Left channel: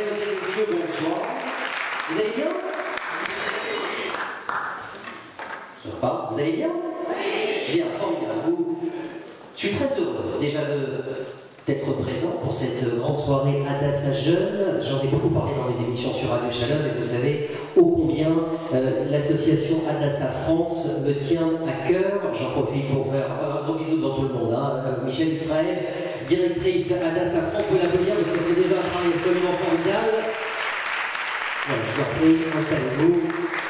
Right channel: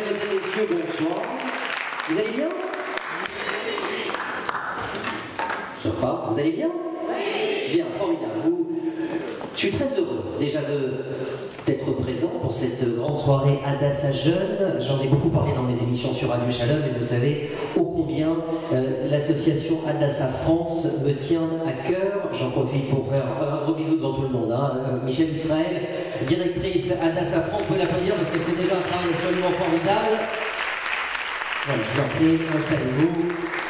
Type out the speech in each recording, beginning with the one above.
Mesdemoiselles et messieurs, bonsoir. Vous allez bien? Ça va, vous allez bien? Oui. Bien, formidable. Je suis très heureux déjà d'être présent pour cette grande soirée Hadassa Jeune. J'en ai beaucoup parlé dans les émissions sur Radio Shalom et vous savez ô combien l'association Hadassa France me tient à cœur. J'en profite pour faire un gros bisou devant tout le monde. Michel Israël, directrice Hadassa France, vous l'applaudir parce qu'elle fait déjà un travail absolument formidable. Voilà, je vous en prie, installez-vous,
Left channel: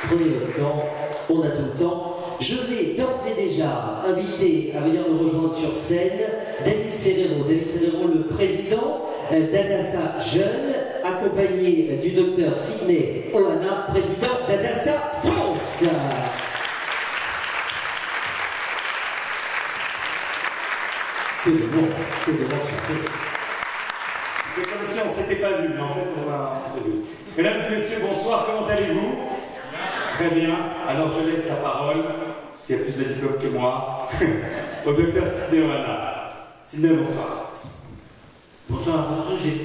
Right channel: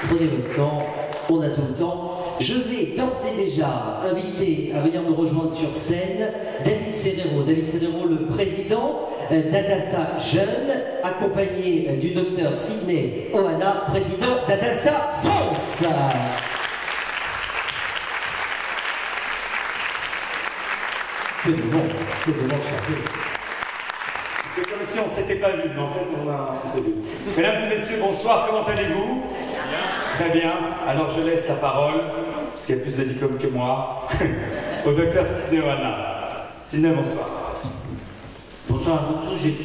prenez votre temps, on a tout le temps. Je vais d'ores et déjà inviter à venir me rejoindre sur scène David Serrero. David Serrero, le président d'Hadassa Jeune, accompagné du docteur Sidney Ohana, président d'Hadassa France. Que de monde, c'est comme si on ne s'était pas vu, mais en fait on s'est vu. Mesdames et messieurs, bonsoir, comment allez-vous? Très bien, alors je laisse la parole, parce qu'il y a plus de diplômes que moi, au docteur Sidney Ohana. Sidney, bonsoir. Bonsoir à vous tous, j'ai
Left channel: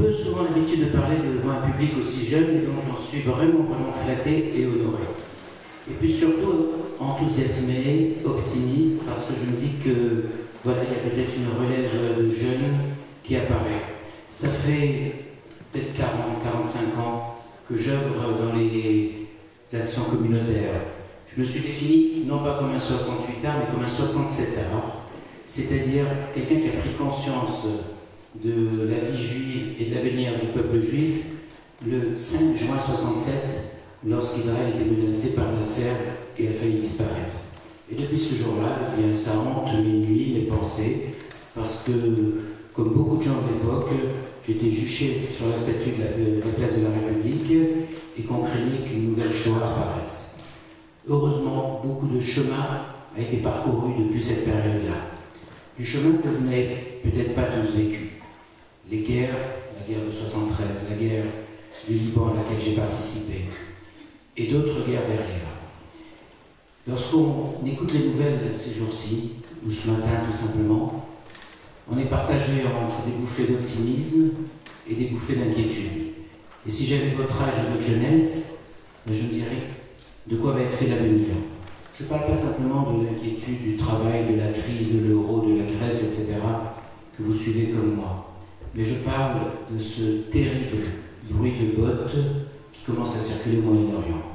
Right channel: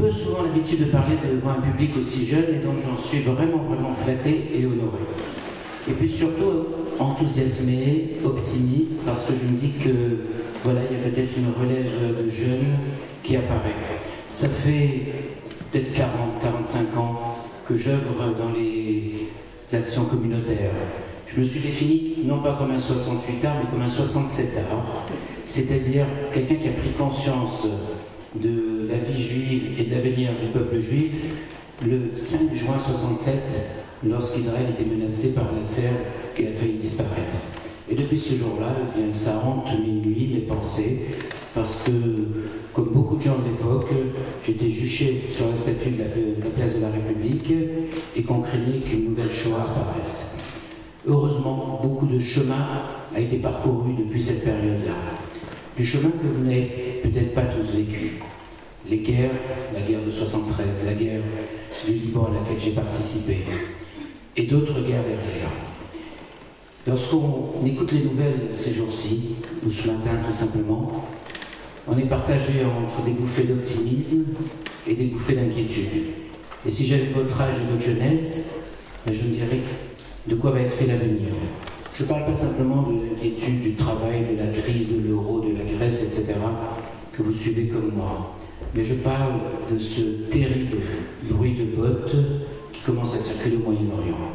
peu souvent l'habitude de parler devant un public aussi jeune, et donc j'en suis vraiment flatté et honoré. Et puis surtout enthousiasmé, optimiste, parce que je me dis que voilà, il y a peut-être une relève de jeunes qui apparaît. Ça fait peut-être 40, 45 ans que j'œuvre dans les actions communautaires. Je me suis défini non pas comme un 68 art, mais comme un 67 art, c'est-à-dire quelqu'un qui a pris conscience de la vie juive et de l'avenir du peuple juif le 5 juin 67, lorsqu'Israël était menacé par la Serbe et a failli disparaître. Et depuis ce jour-là, eh bien, ça hante mes nuits, mes pensées, parce que, comme beaucoup de gens de l'époque, j'étais juché sur la statue de la place de la République et qu'on craignait qu'une nouvelle Shoah apparaisse. Heureusement, beaucoup de chemin a été parcouru depuis cette période-là. Du chemin que vous n'avez peut-être pas tous vécu. Les guerres, la guerre de 73, la guerre du Liban à laquelle j'ai participé, et d'autres guerres derrière. Lorsqu'on écoute les nouvelles ces jours-ci, ou ce matin tout simplement, on est partagé entre des bouffées d'optimisme et des bouffées d'inquiétude. Et si j'avais votre âge et votre jeunesse, je me dirais de quoi va être fait l'avenir. Je ne parle pas simplement de l'inquiétude du travail, de la crise, de l'euro, de la Grèce, etc., que vous suivez comme moi. Mais je parle de ce terrible bruit de bottes qui commence à circuler au Moyen-Orient.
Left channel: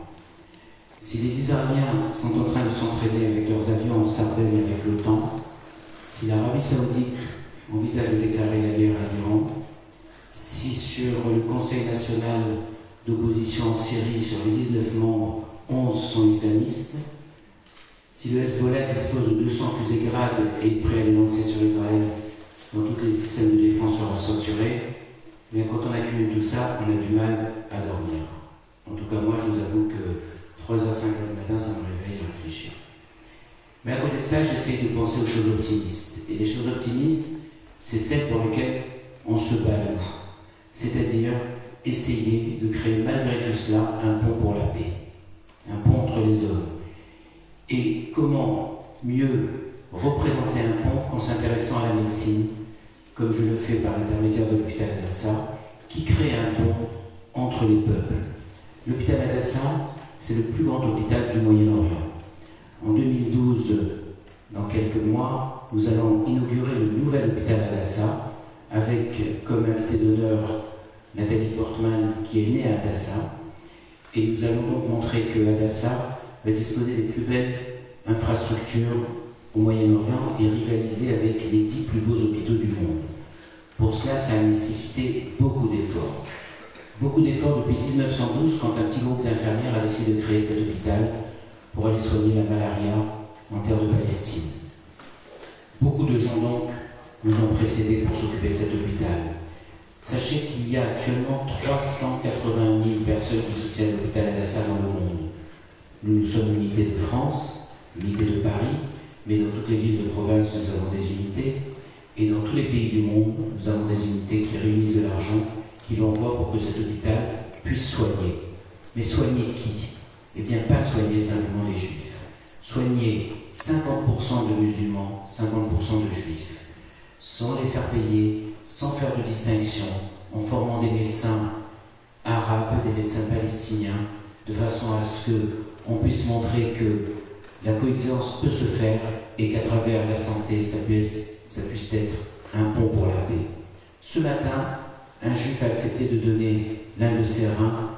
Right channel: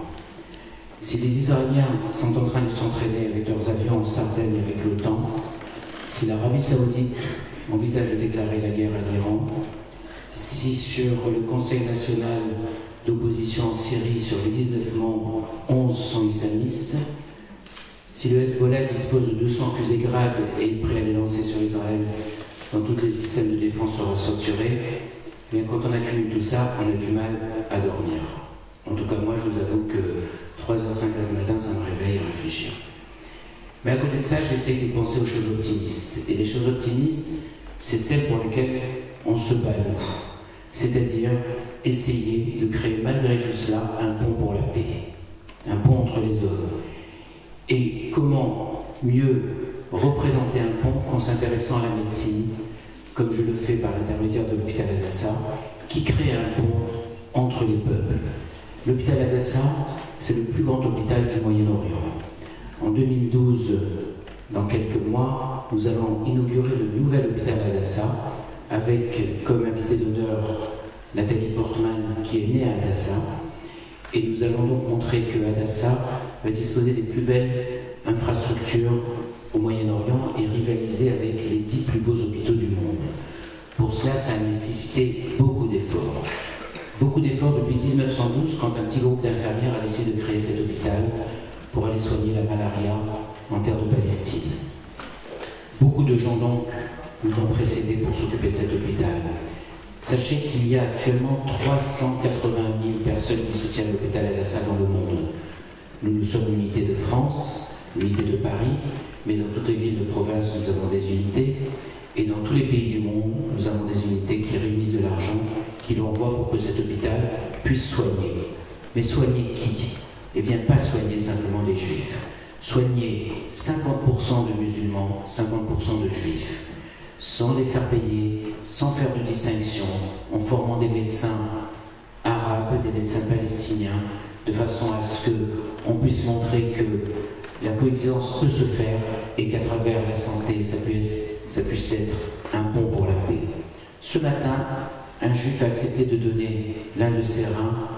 Si les Israéliens sont en train de s'entraîner avec leurs avions en Sardaigne avec l'OTAN, si l'Arabie Saoudite envisage de déclarer la guerre à l'Iran, si sur le Conseil national d'opposition en Syrie, sur les 19 membres, 11 sont islamistes, si le Hezbollah dispose de 200 fusées Grad et est prêt à les lancer sur Israël dans tous les systèmes de défense seront saturés, mais quand on accumule tout ça, on a du mal à dormir. En tout cas, moi, je vous avoue que 3h05 du matin, ça me réveille à réfléchir. Mais à côté de ça, j'essaie de penser aux choses optimistes. Et les choses optimistes, c'est celles pour lesquelles on se bat, nous. C'est-à-dire essayer de créer malgré tout cela un pont pour la paix, un pont entre les hommes. Et comment mieux représenter un pont qu'en s'intéressant à la médecine, comme je le fais par l'intermédiaire de l'hôpital Hadassa, qui crée un pont entre les peuples. L'hôpital Hadassa, c'est le plus grand hôpital du Moyen-Orient. En 2012, dans quelques mois, nous allons inaugurer le nouvel hôpital Hadassa avec comme invité d'honneur Nathalie Portman qui est née à Hadassa. Et nous allons donc montrer que Hadassa va disposer des plus belles infrastructures au Moyen-Orient et rivaliser avec les 10 plus beaux hôpitaux du monde. Pour cela, ça a nécessité beaucoup d'efforts. Beaucoup d'efforts depuis 1912 quand un petit groupe d'infirmières a décidé de créer cet hôpital pour aller soigner la malaria en terre de Palestine. Beaucoup de gens donc nous ont précédés pour s'occuper de cet hôpital. Sachez qu'il y a actuellement 380 000 personnes qui soutiennent l'hôpital Hadassa dans le monde. Nous sommes une unité de France, une unité de Paris, mais dans toutes les villes de province, nous avons des unités. Et dans tous les pays du monde, nous avons des unités qui réunissent de l'argent, qui l'envoient pour que cet hôpital puisse soigner. Mais soigner qui? Eh bien, pas soigner simplement les juifs. Soigner 50% de musulmans, 50% de juifs, sans les faire payer, sans faire de distinction, en formant des médecins arabes, des médecins palestiniens, de façon à ce qu'on puisse montrer que la coexistence peut se faire et qu'à travers la santé, ça puisse être un pont pour la paix. Ce matin, un juif a accepté de donner l'un de ses reins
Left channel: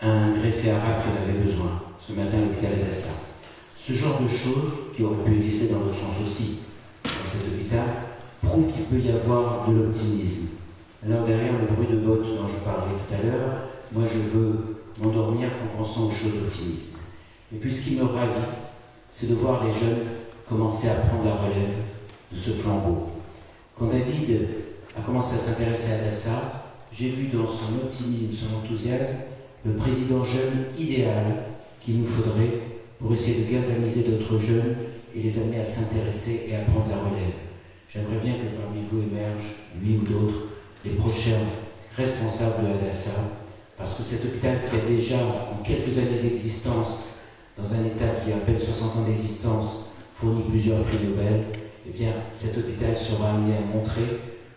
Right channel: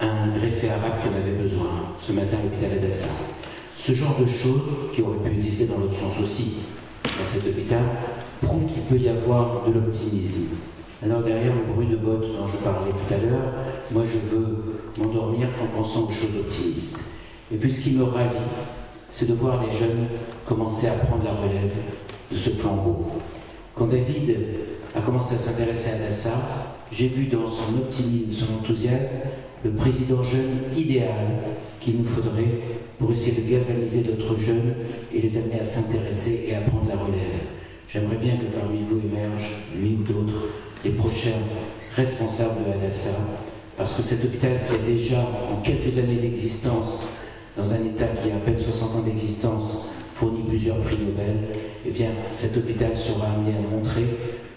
à un greffé arabe qui en avait besoin, ce matin à l'hôpital Adassa. Ce genre de choses, qui auraient pu exister dans l'autre sens aussi, dans cet hôpital, prouve qu'il peut y avoir de l'optimisme. Alors derrière le bruit de bottes dont je parlais tout à l'heure, moi je veux m'endormir en pensant aux choses optimistes. Et puis ce qui me ravit, c'est de voir les jeunes commencer à prendre la relève de ce flambeau. Quand David a commencé à s'intéresser à Adassa, j'ai vu dans son optimisme, son enthousiasme, le président jeune idéal qu'il nous faudrait pour essayer de galvaniser d'autres jeunes et les amener à s'intéresser et à prendre la relève. J'aimerais bien que parmi vous émergent, lui ou d'autres, les prochains responsables de Adassa, parce que cet hôpital qui a déjà, en quelques années d'existence, dans un État qui a à peine 60 ans d'existence, fournit plusieurs prix Nobel, eh bien, cet hôpital sera amené à montrer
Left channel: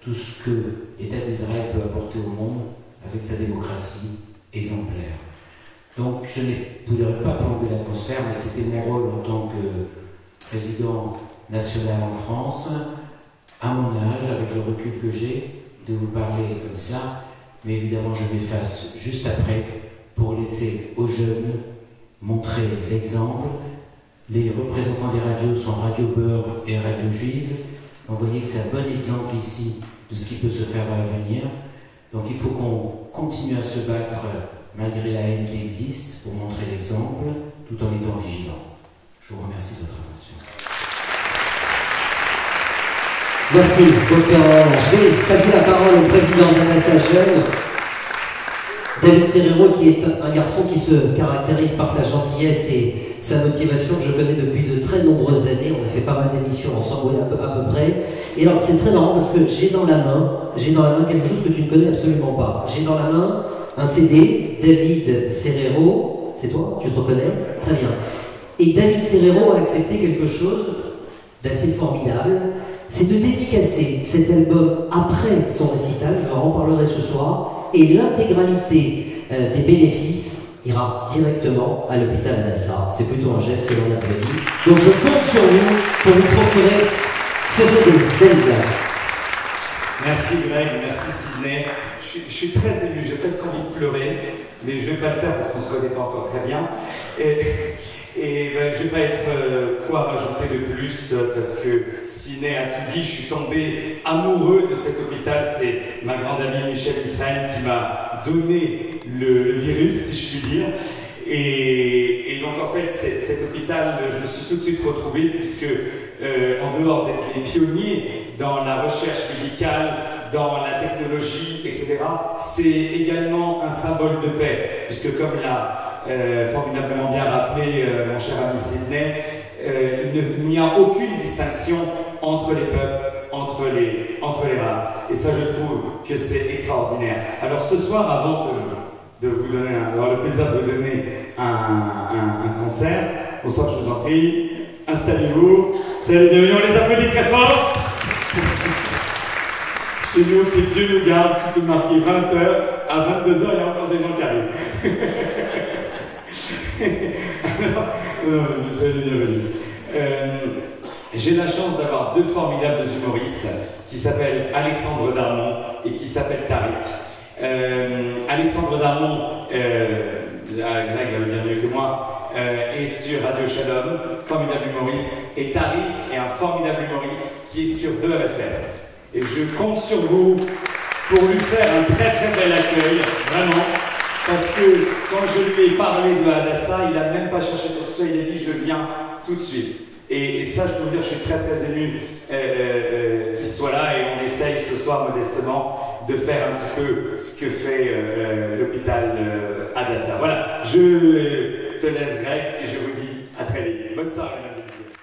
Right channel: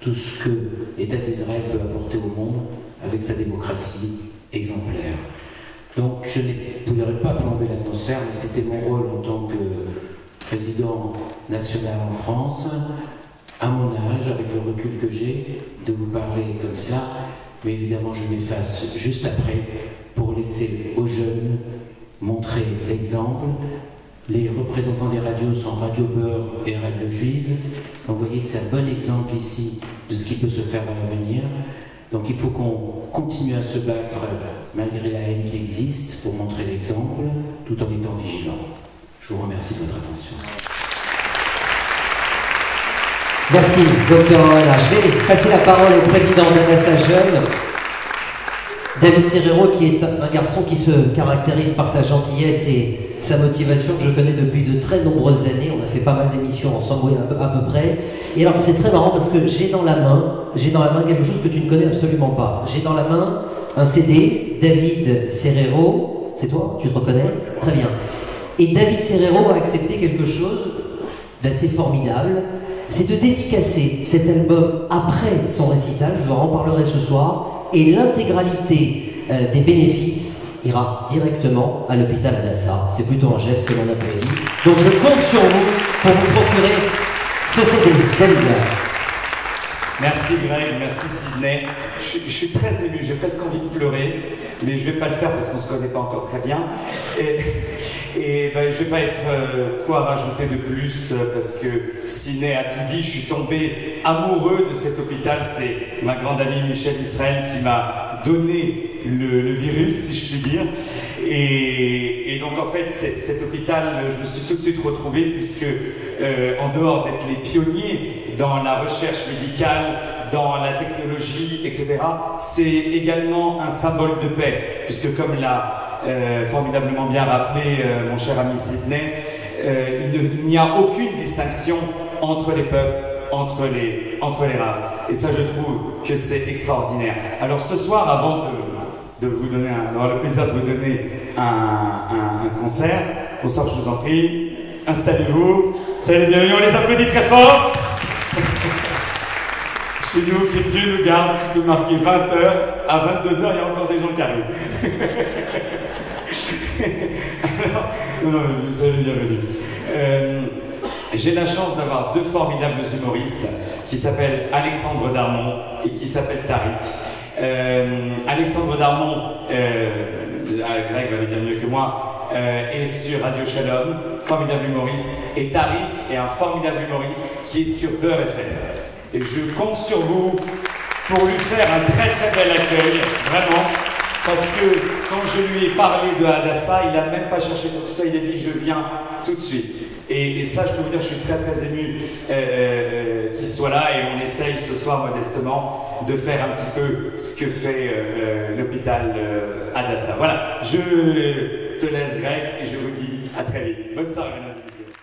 tout ce que l'État d'Israël peut apporter au monde avec sa démocratie exemplaire. Donc, je ne pourrais pas plomber l'atmosphère, mais c'était mon rôle en tant que président national en France, à mon âge, avec le recul que j'ai, de vous parler comme ça, mais évidemment je m'efface juste après pour laisser aux jeunes montrer l'exemple. Les représentants des radios sont Radio Beurre et Radio Juive, donc vous voyez que c'est un bon exemple ici de ce qui peut se faire dans l'avenir. Donc il faut qu'on continue à se battre malgré la haine qui existe pour montrer l'exemple, tout en étant vigilant. Je vous remercie de votre attention. Merci, docteur Oana. Je vais passer la parole au président d'Adassa Jeunes, David Serrero, qui est un garçon qui se caractérise par sa gentillesse et sa motivation que je connais depuis de très nombreuses années. On a fait pas mal d'émissions ensemble à peu près. Et alors c'est très marrant parce que j'ai dans la main quelque chose que tu ne connais absolument pas. J'ai dans la main un CD, David Serrero, c'est toi? Tu te reconnais? Très bien. Et David Serrero a accepté quelque chose d'assez formidable, c'est de dédicacer cet album après son récital, je vous en reparlerai ce soir, et l'intégralité des bénéfices ira directement à l'hôpital Adassa. C'est plutôt un geste que l'on applaudit. Donc je compte sur vous pour vous procurer ce CD. Merci Greg, merci Sidney. Je suis très ému, j'ai presque envie de pleurer, mais je ne vais pas le faire parce qu'on ne se connaît pas encore très bien. Et ben, je ne vais pas être quoi rajouter de plus parce que Sidney a tout dit. Je suis tombé amoureux de cet hôpital. C'est ma grande amie Michel Israël qui m'a donné le virus, si je puis dire. Et donc en fait, cet hôpital, je me suis tout de suite retrouvé puisque en dehors d'être les pionniers dans la recherche médicale, dans la technologie, etc., c'est également un symbole de paix, puisque comme l'a formidablement bien rappelé mon cher ami Sidney, il n'y a aucune distinction entre les peuples, entre les races. Et ça, je trouve que c'est extraordinaire. Alors ce soir, avant de vous donner, d'avoir le plaisir de vous donner un concert, bonsoir, je vous en prie, installez-vous, salut, bienvenue, on les applaudit très fort. Chez nous, que Dieu nous garde, tu peux marquer 20h, à 22h, il y a encore des gens qui arrivent. Alors, non, vous avez bienvenue. J'ai la chance d'avoir deux formidables humoristes qui s'appellent Alexandre Darmon et qui s'appellent Tariq. Alexandre Darmon, Greg va le dire mieux que moi, est sur Radio Shalom, formidable humoriste, et Tariq est un formidable humoriste qui est sur Beurre FM. Et je compte sur vous pour lui faire un très très bel accueil, vraiment, parce que quand je lui ai parlé de Adassa, il n'a même pas cherché pour ça, il a dit je viens tout de suite. Et ça, je peux vous dire, je suis très très ému qu'il soit là, et on essaye ce soir modestement de faire un petit peu ce que fait l'hôpital Adassa. Voilà, je te laisse Greg et je vous dis à très vite. Bonne soirée mesdames et messieurs.